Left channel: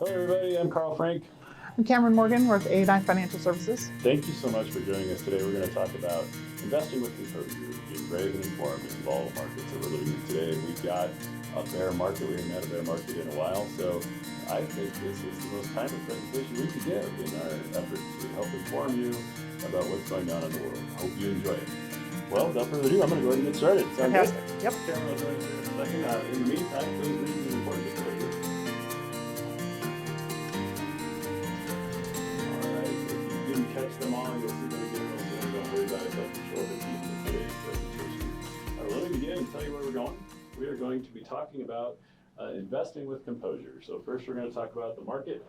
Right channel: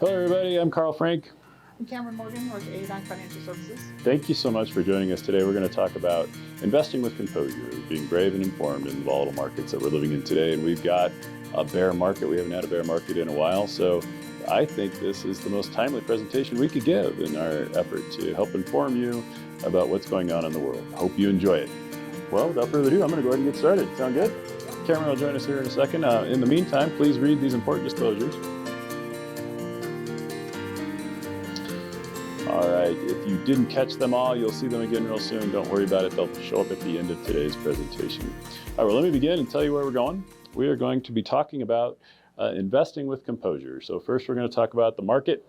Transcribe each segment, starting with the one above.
Hello everybody, I'm Karl Frank. I'm Cameron Morgan with A&I Financial Services. Thank you so much for joining us today. We're going to talk about investing with composure, being brave and informed in the volatile markets that we're living in today. And we've got a bear market. We haven't had a bear market in a while. So I think this is the most timely presentation we could give in our effort to help inform you about what's going on in the world. Hope you enjoy it. Well, without further ado, I'm going to go ahead and get started. Sound good? Yep. Cameron will join us here in a second. In the meantime, please read these important disclosures. All right, if you didn't catch them all, you'll see them again real soon. Don't worry about it. They'll show up at the end of today's presentation. All right, well, let me begin and tell you where we're going. We are going to be talking about investing with composure. So first, we're going to talk about the market.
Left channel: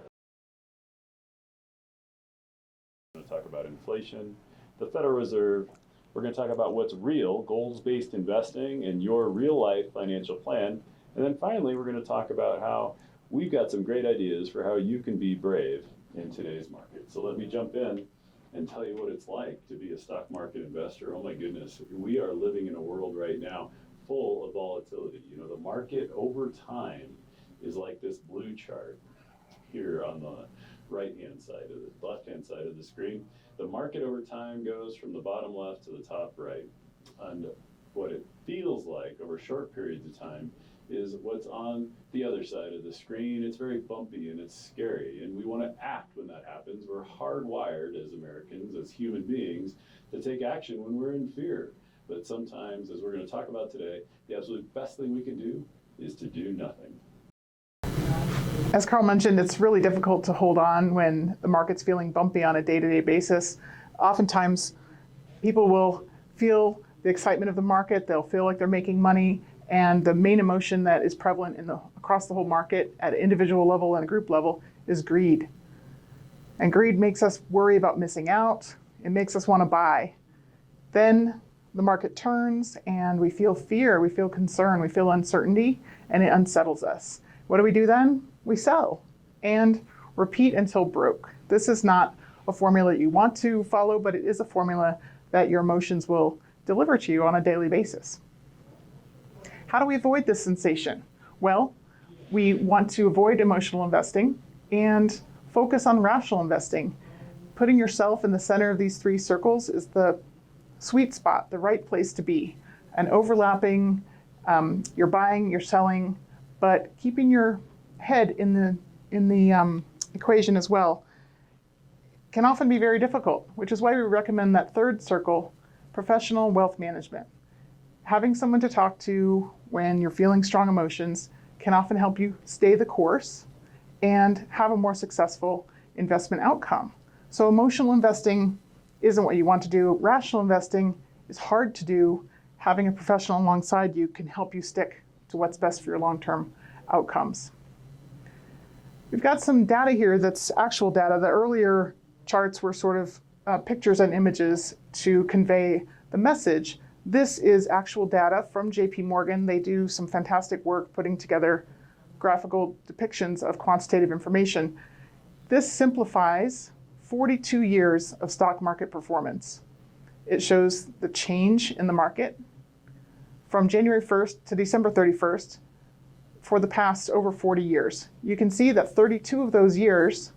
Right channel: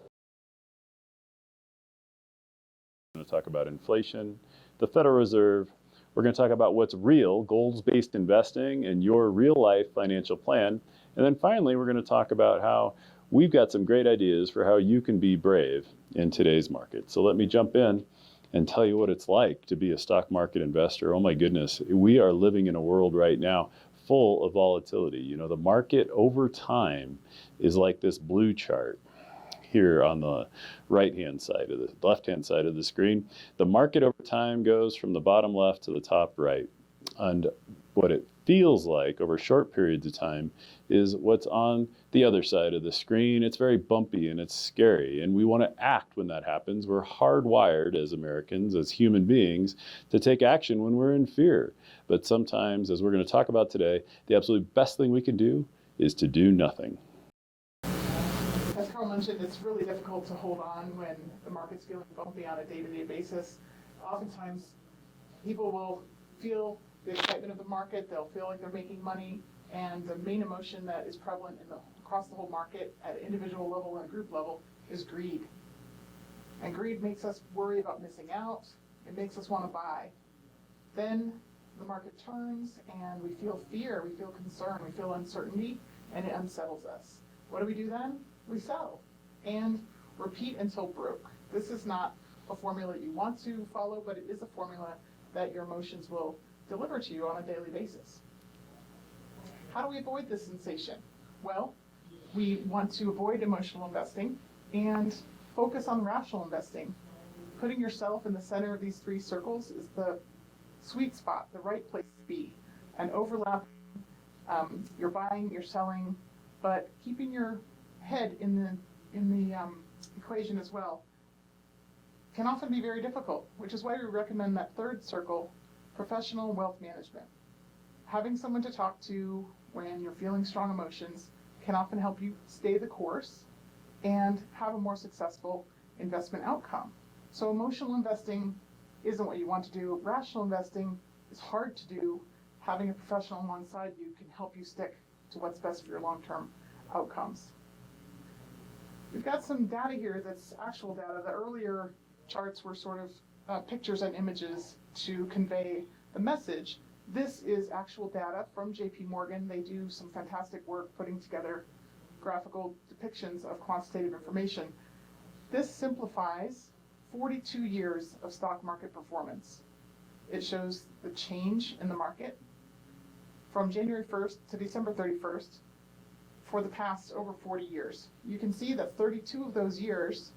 We're going to talk about inflation, the Federal Reserve. We're going to talk about what's real, goals-based investing, and your real-life financial plan. And then finally, we're going to talk about how we've got some great ideas for how you can be brave in today's market. So let me jump in and tell you what it's like to be a stock market investor. Oh my goodness, we are living in a world right now full of volatility. You know, the market over time is like this blue chart here on the right-hand side of the left-hand side of the screen. The market over time goes from the bottom left to the top right. And what it feels like over short periods of time is what's on the other side of the screen. It's very bumpy and it's scary, and we want to act when that happens. We're hardwired as Americans, as human beings, to take action when we're in fear. But sometimes, as we're going to talk about today, the absolute best thing we can do is to do nothing. As Karl mentioned, it's really difficult to hold on when the market's feeling bumpy on a day-to-day basis. Oftentimes, people will feel the excitement of the market. They'll feel like they're making money. And the main emotion that is prevalent across the whole market at an individual level and a group level is greed. And greed makes us worry about missing out. It makes us want to buy. Then the market turns and we feel fear, we feel concern, we feel uncertainty, and it unsettles us. What do we do then? We sell and repeat until broke. This is not a formula you want to follow, but it is a formula that your emotions will deliver to you on a daily basis. How do we avoid this sensation? Well, we want to avoid emotional investing and focus on rational investing. Putting yourself in the center of these three circles is the sweet spot, the right place to be. And overlapping, you're buying, you're selling, but keeping your head in the equation as well can often be very difficult, which is why we recommend that third circle, professional wealth management. Having someone to talk to when you're feeling strong emotions can often help you stay the course and have a more successful investment outcome. So emotional investing isn't what you want to do. Rational investing is hard to do. Having a professional alongside you can help you stick to what's best for your long-term outcomes. We've got some data here that's actual data. The earlier charts were sort of pictures and images to convey the message. This is actual data from JP Morgan. They do some fantastic work putting together graphical depictions of quantitative information. This simplifies 42 years of stock market performance. It shows the change in the market from January 1st to December 31st for the past over 40 years. You can see that 32 of those years,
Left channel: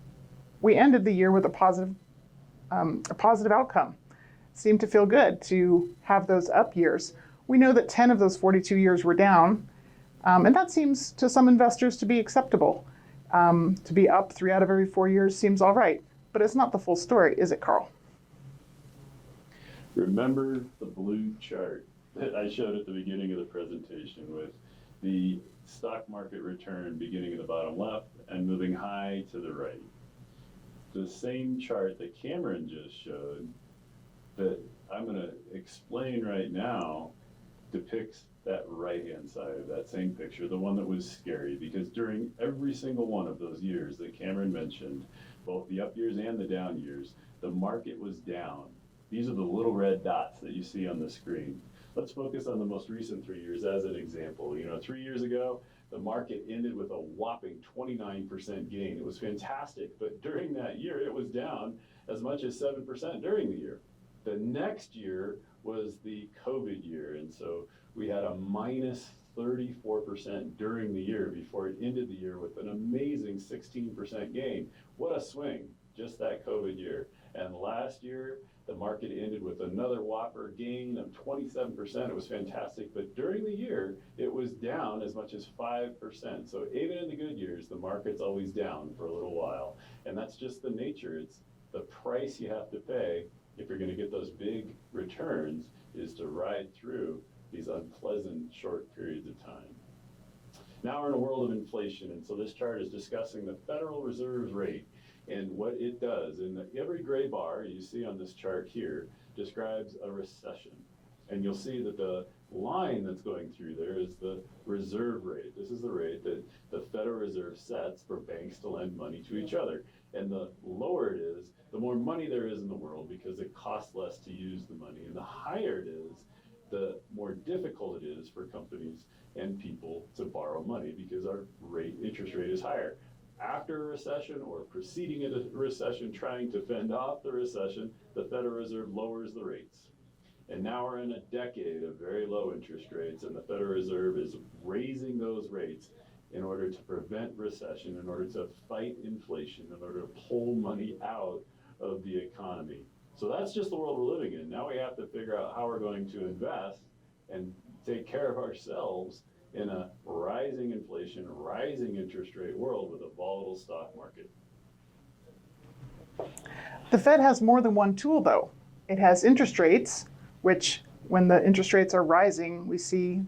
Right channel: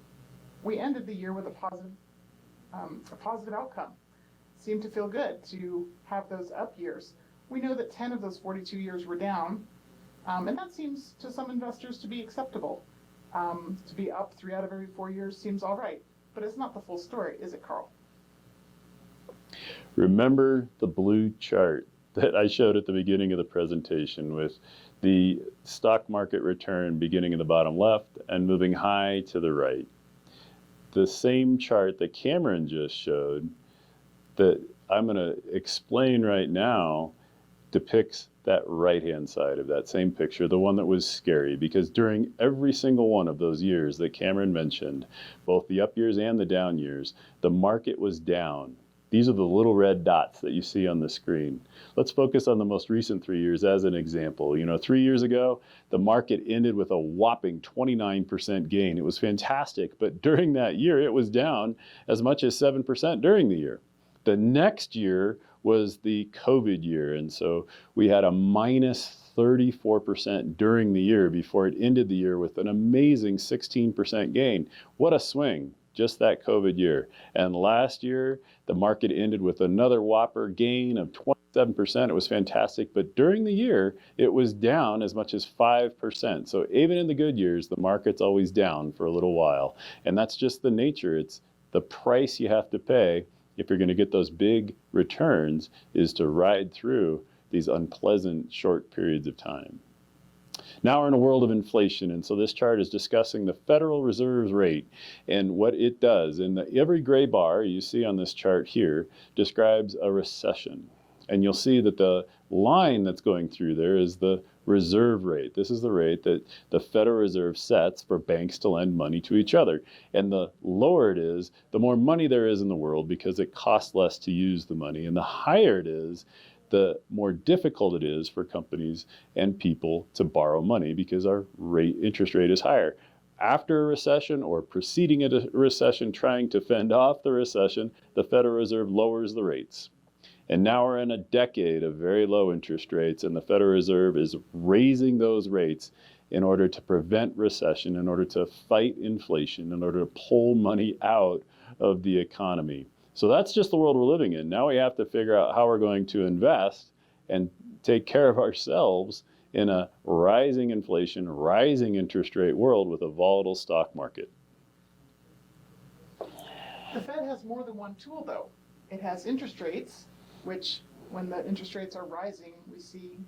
we ended the year with a positive outcome. Seemed to feel good to have those up years. We know that 10 of those 42 years were down, and that seems to some investors to be acceptable. To be up 3 out of every 4 years seems all right, but it's not the full story, is it, Karl? Remember the blue chart that I showed at the beginning of the presentation with the stock market return beginning in the bottom left and moving high to the right. The same chart that Cameron just showed that I'm going to explain right now depicts that right-hand side of that same picture, the one that was scary, because during every single one of those years that Cameron mentioned, both the up years and the down years, the market was down. These are the little red dots that you see on the screen. Let's focus on the most recent 3 years as an example. You know, 3 years ago, the market ended with a whopping 29% gain. It was fantastic, but during that year, it was down as much as 7% during the year. The next year was the COVID year, and so we had a minus 34% during the year before it ended the year with an amazing 16% gain. What a swing, just that COVID year. And last year, the market ended with another whopper gain of 27%. It was fantastic, but during the year, it was down as much as 5%. So even in the good years, the market's always down for a little while. And that's just the nature. It's the price you have to pay if you're going to get those big returns is to ride through these unpleasant short periods of time. Now we're in a world of inflation, and so this chart is discussing the Federal Reserve's rate and what it does. And every gray bar you see on this chart here describes a recession. And you'll see that the line that's going through there is the reserve rate. This is the rate that the Federal Reserve sets for banks to lend money to each other. And the lower it is, the more money there is in the world because it costs less to use the money. And the higher it is, the more difficult it is for companies and people to borrow money because our interest rate is higher. After a recession or preceding a recession, trying to fend off the recession, the Federal Reserve lowers the rates. And now we're in a decade of very low interest rates, and the Federal Reserve is raising those rates in order to prevent recession, in order to fight inflation, in order to pull money out of the economy. So that's just the world we're living in. Now we have to figure out how we're going to invest and take care of ourselves in a rising inflation, rising interest rate world with a volatile stock market. The Fed has more than one tool, though. It has interest rates, which when the interest rates are rising, we see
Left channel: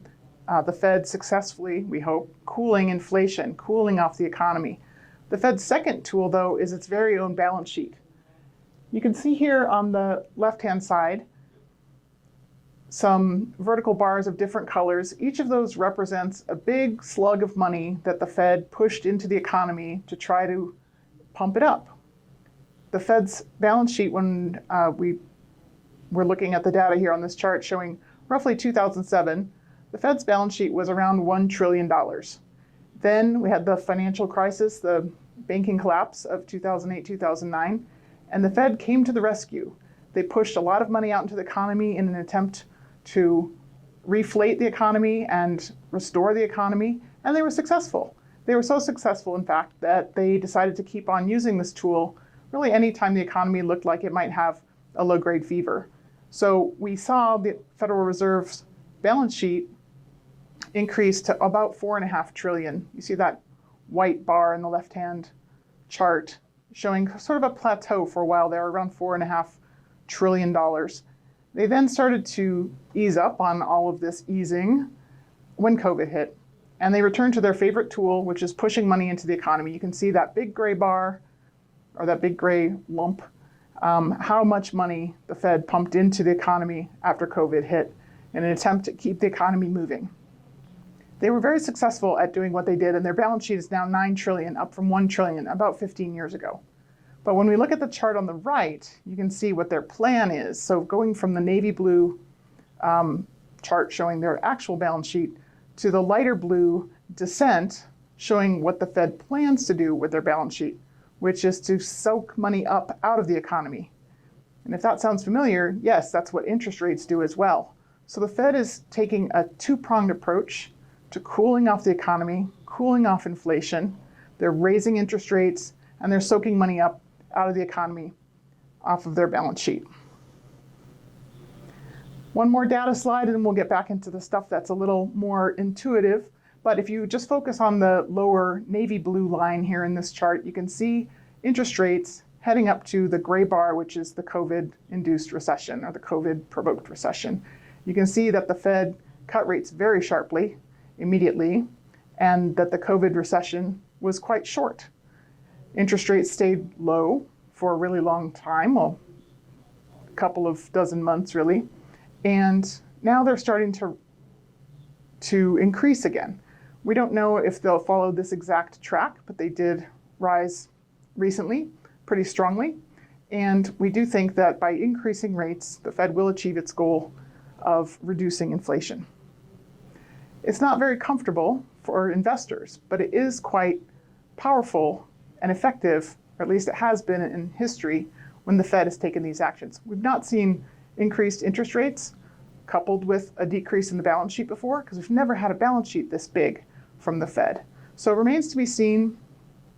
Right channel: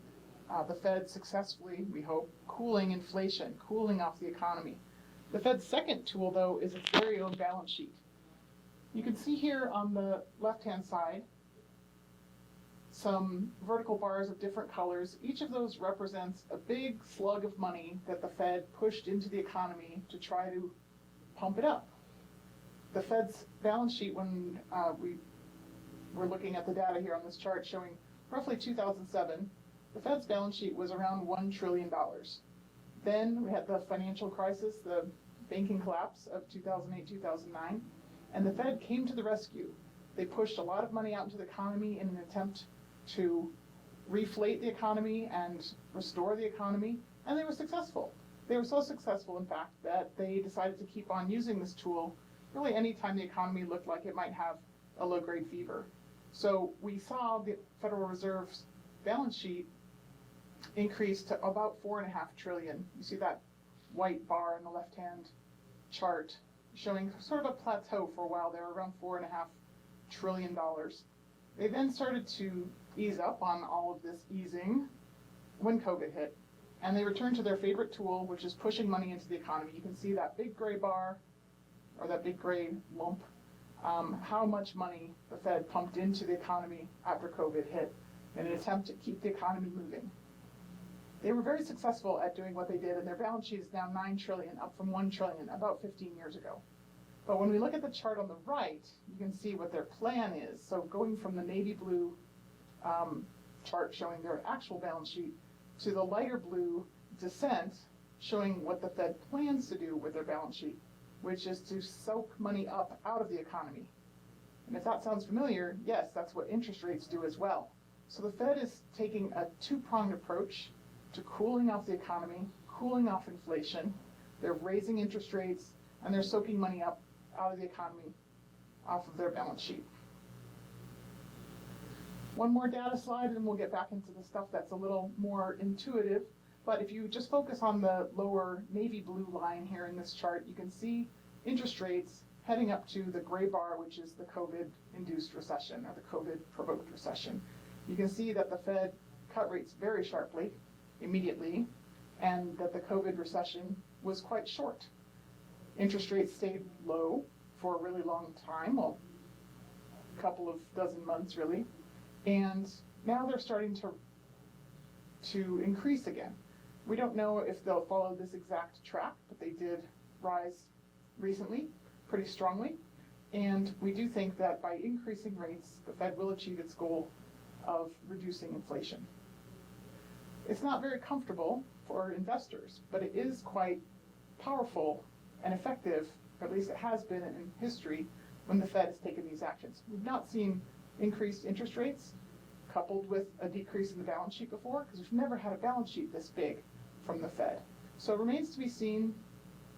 the Fed successfully, we hope, cooling inflation, cooling off the economy. The Fed's second tool, though, is its very own balance sheet. You can see here on the left-hand side some vertical bars of different colors. Each of those represents a big slug of money that the Fed pushed into the economy to try to pump it up. The Fed's balance sheet, when we're looking at the data here on this chart showing roughly 2007, the Fed's balance sheet was around $1 trillion. Then we had the financial crisis, the banking collapse of 2008, 2009. And the Fed came to the rescue. They pushed a lot of money out into the economy in an attempt to reflate the economy and restore the economy, and they were successful. They were so successful, in fact, that they decided to keep on using this tool really anytime the economy looked like it might have a low-grade fever. So we saw the Federal Reserve's balance sheet increase to about $4.5 trillion. You see that white bar in the left-hand chart showing sort of a plateau for a while there, around $4.5 trillion. They then started to ease up on all of this easing when COVID hit, and they returned to their favorite tool, which is pushing money into the economy. You can see that big gray bar, or that big gray lump, how much money the Fed pumped into the economy after COVID hit in an attempt to keep the economy moving. They were very successful at doing what they did, and their balance sheet is now $9 trillion, up from $1 trillion about 15 years ago. But when we look at the chart on the right, you can see what their plan is. So going from the navy blue chart showing their actual balance sheet to the lighter blue descent showing what the Fed plans to do with their balance sheet, which is to soak money up out of the economy. And if that sounds familiar, yes, that's what interest rates do as well. So the Fed is taking a two-pronged approach to cooling off the economy, cooling off inflation. They're raising interest rates, and they're soaking money up out of the economy off of their balance sheet. One more data slide, and we'll get back into the stuff that's a little more intuitive. But if you just focus on the lower navy blue line here in this chart, you can see interest rates heading up to the gray bar, which is the COVID-induced recession or the COVID-provoked recession. You can see that the Fed cut rates very sharply, immediately, and that the COVID recession was quite short. Interest rates stayed low for a really long time, well, a couple of dozen months really, and now they're starting to increase again. We don't know if they'll follow this exact track, but they did rise recently pretty strongly, and we do think that by increasing rates, the Fed will achieve its goal of reducing inflation. It's not very comfortable for investors, but it is quite powerful and effective, or at least it has been in history, when the Fed has taken these actions. We've not seen increased interest rates coupled with a decrease in the balance sheet before, because we've never had a balance sheet this big from the Fed. So it remains to be seen.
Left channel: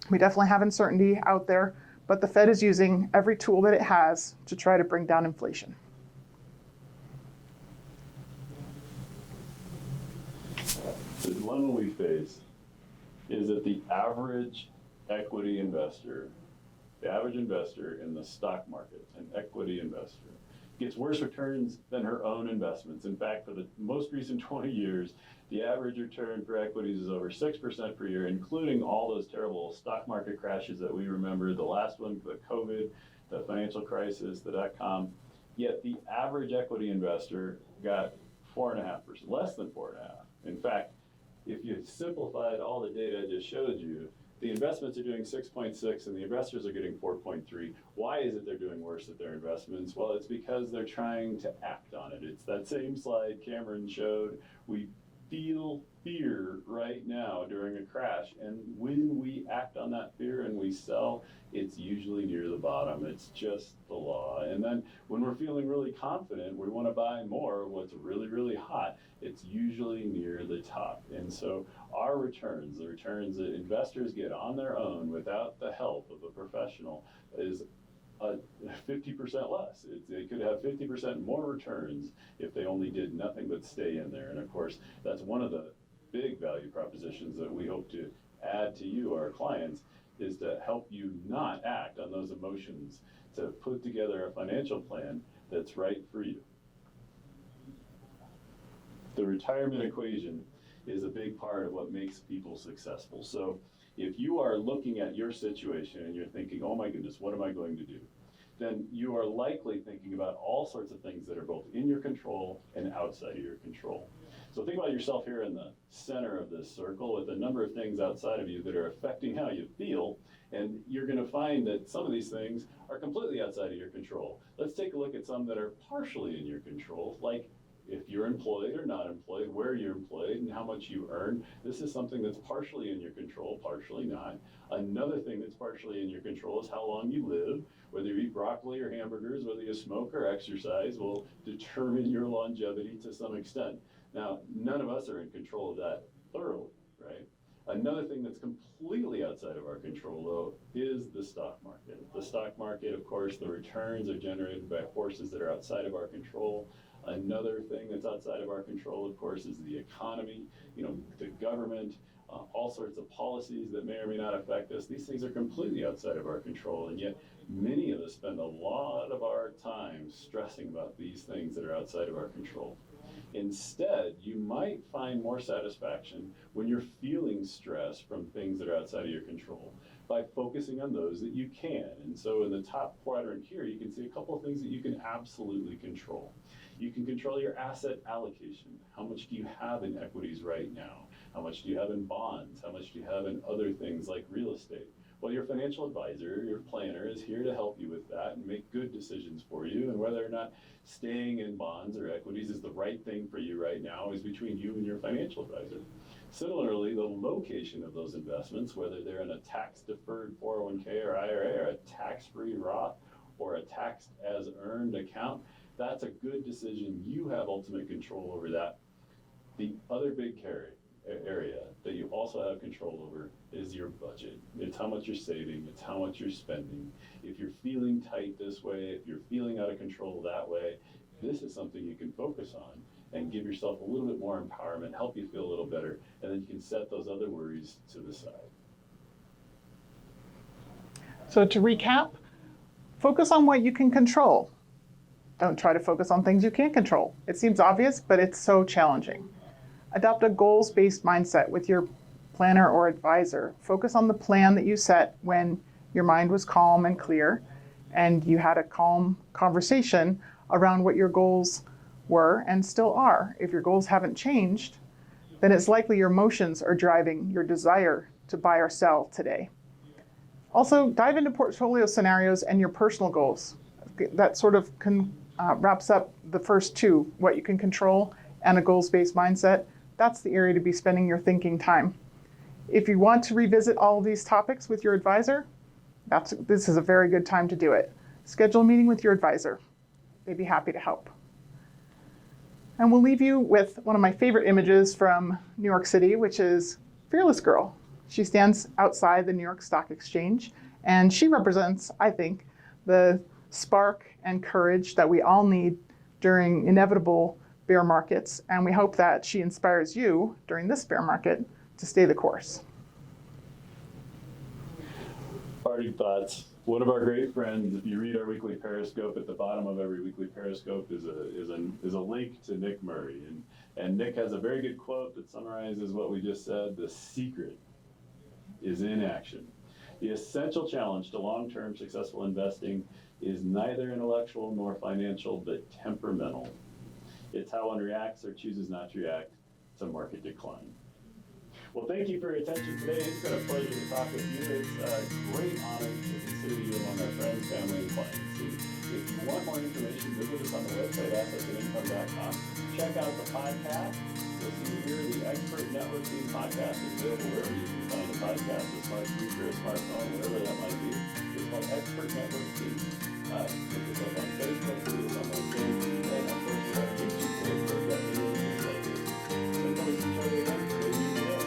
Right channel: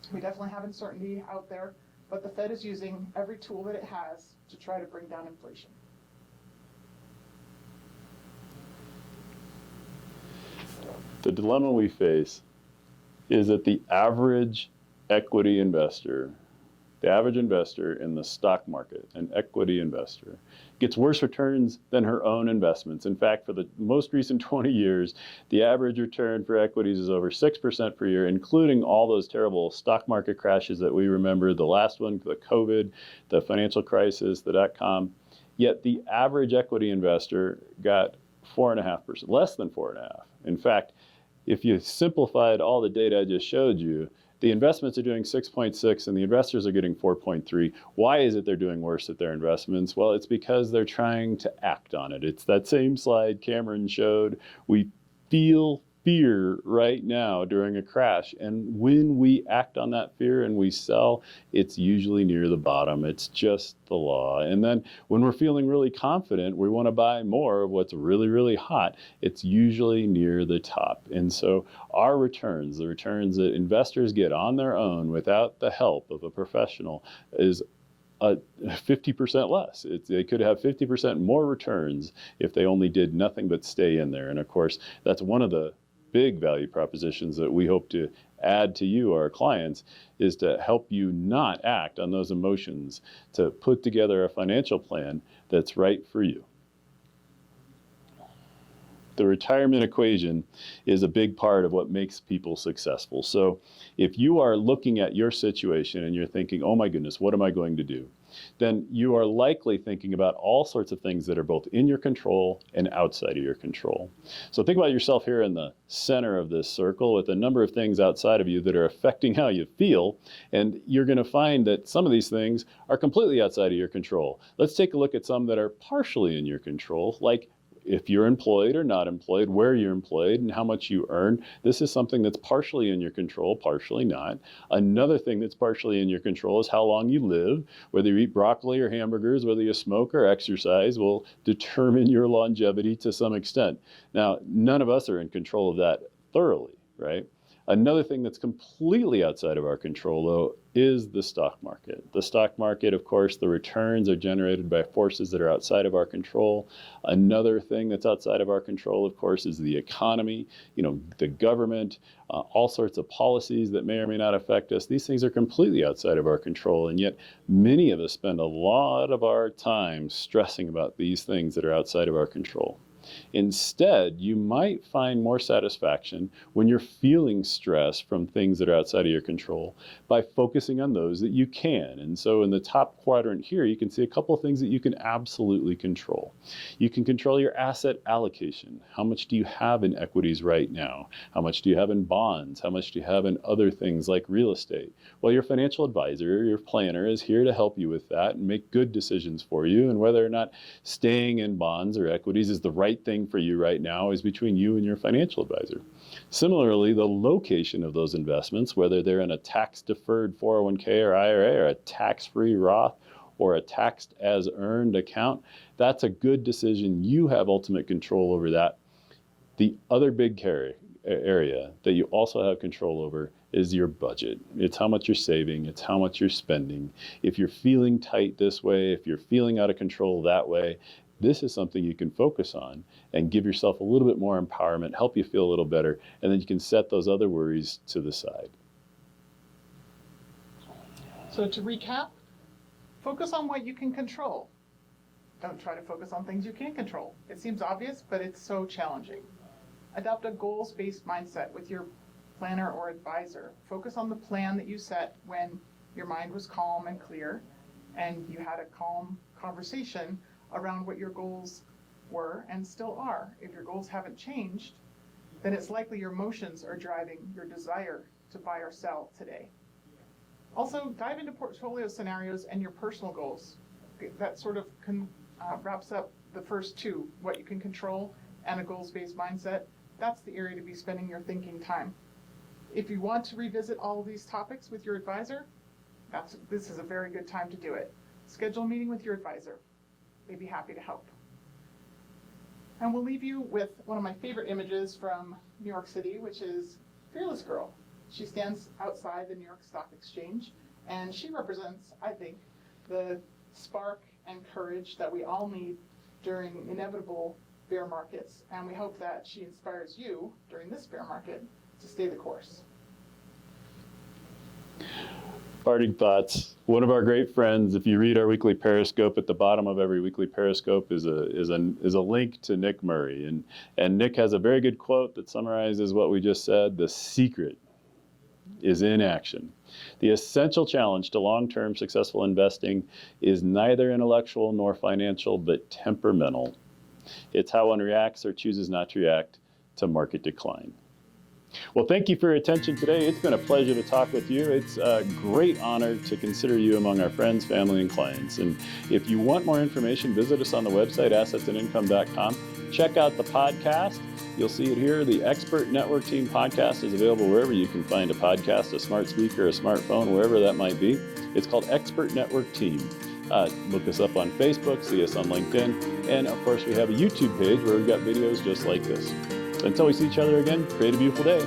We definitely have uncertainty out there, but the Fed is using every tool that it has to try to bring down inflation. The dilemma we face is that the average equity investor, the average investor in the stock market, an equity investor, gets worse returns than her own investments. In fact, for the most recent 20 years, the average return for equities is over 6% per year, including all those terrible stock market crashes that we remember, the last one, the COVID, the financial crisis, the dot-com. Yet the average equity investor got 4.5%, less than 4.5%. In fact, if you simplified all the data I just showed you, the investments are doing 6.6 and the investors are getting 4.3. Why is it they're doing worse at their investments? Well, it's because they're trying to act on it. It's that same slide Cameron showed. We feel fear right now during a crash. And when we act on that fear and we sell, it's usually near the bottom. It's just the law. And then when we're feeling really confident, we want to buy more of what's really, really hot. It's usually near the top. And so our returns, the returns that investors get on their own without the help of a professional, is 50% less. They could have 50% more returns if they only did nothing but stay in there. And of course, that's one of the big value propositions that we hope to add to you, our clients, is to help you not act on those emotions, to put together a financial plan that's right for you. The retirement equation is a big part of what makes people successful. So if you are looking at your situation and you're thinking, oh my goodness, what am I going to do? Then you are likely thinking about all sorts of things that are both in your control and outside of your control. So think about yourself here in the center of this circle with a number of things outside of you that are affecting how you feel. And you're going to find that some of these things are completely outside of your control. Let's take a look at some that are partially in your control, like if you're employed or not employed, where you're employed, and how much you earn. This is something that's partially in your control, partially not. Another thing that's partially in your control is how long you live. Whether you eat broccoli or hamburgers, whether you smoke or exercise will determine your longevity to some extent. Now, none of us are in control of that thoroughly, right? Another thing that's completely outside of our control, though, is the stock market. The stock market, of course, the returns are generated by forces that are outside of our control. Another thing that's outside of our control, of course, is the economy, the government, all sorts of policies that may or may not affect us. These things are completely outside of our control, and yet many of us spend a lot of our time stressing about these things that are outside of our control. Instead, you might find more satisfaction when you're feeling stress from things that are outside of your control by focusing on those that you can. And so in the top quadrant here, you can see a couple of things that you can absolutely control. You can control your asset allocation. How much do you have in equities right now? How much do you have in bonds? How much do you have in other things like real estate? Well, your financial advisor, your planner, is here to help you with that and make good decisions for you. And whether or not staying in bonds or equities is the right thing for you right now is between you and your financial advisor. Similarly, the location of those investments, whether they're in a tax-deferred 401k or IRA or a tax-free Roth or a taxed-as-earned account, that's a good decision. You have ultimate control over that. The other big area that you also have control over is your budget. It's how much you're saving, it's how much you're spending. If you're feeling tight this way, if you're feeling out of control that way, this is something you can focus on and give yourself a little bit more empowerment, help you feel a little better, and then you can set those other worries to the side. So to recap, focus on what you can control. Don't try to focus on things you can't control. It seems obvious, but it's so challenging. Adopt a goals-based mindset with your planner or advisor. Focus on the plan that you set when your mind was calm and clear, and you had a calm conversation around what your goals were and still are. If your goals haven't changed, then it's likely your emotions are driving your desire to buy or sell today. Also, dive into portfolio scenarios and your personal goals. That sort of wraps up the first two, what you can control and a goals-based mindset. That's the area to be spending your thinking time. If you want to revisit all of these topics with your advisor, this is a very good time to do it. Schedule a meeting with your advisor. They'd be happy to help. And we'll leave you with one of my favorite images from New York City, which is Fearless Girl. She stands outside the New York Stock Exchange, and she represents, I think, the spark and courage that we all need during inevitable bear markets. And we hope that she inspires you during this bear market to stay the course. Parting thoughts. One of our great friends, if you read our weekly Periscope, at the bottom of every weekly Periscope is a link to Nick Murray. And Nick has a very good quote that summarizes what we just said. The secret is in action. The essential challenge to long-term successful investing is neither intellectual nor financial, but temperamental. It's how one reacts or chooses not to react to market decline. Well, thank you for your attention today. It's been a pleasure to talk with you. It's a great honor to consider you among our friends, family, and clients. And if you want more information, visit us on the website, assetsandincome.com. Check out the podcast. You'll see it here. The Expert Network Team podcast is available wherever you can find a podcast, a smart speaker, a smartphone, wherever that might be. It's called Expert Network Team. Look us up on Facebook, see us on LinkedIn, and of course we have a YouTube page where we've got videos just like this. Until we see each other again, create a beautiful day.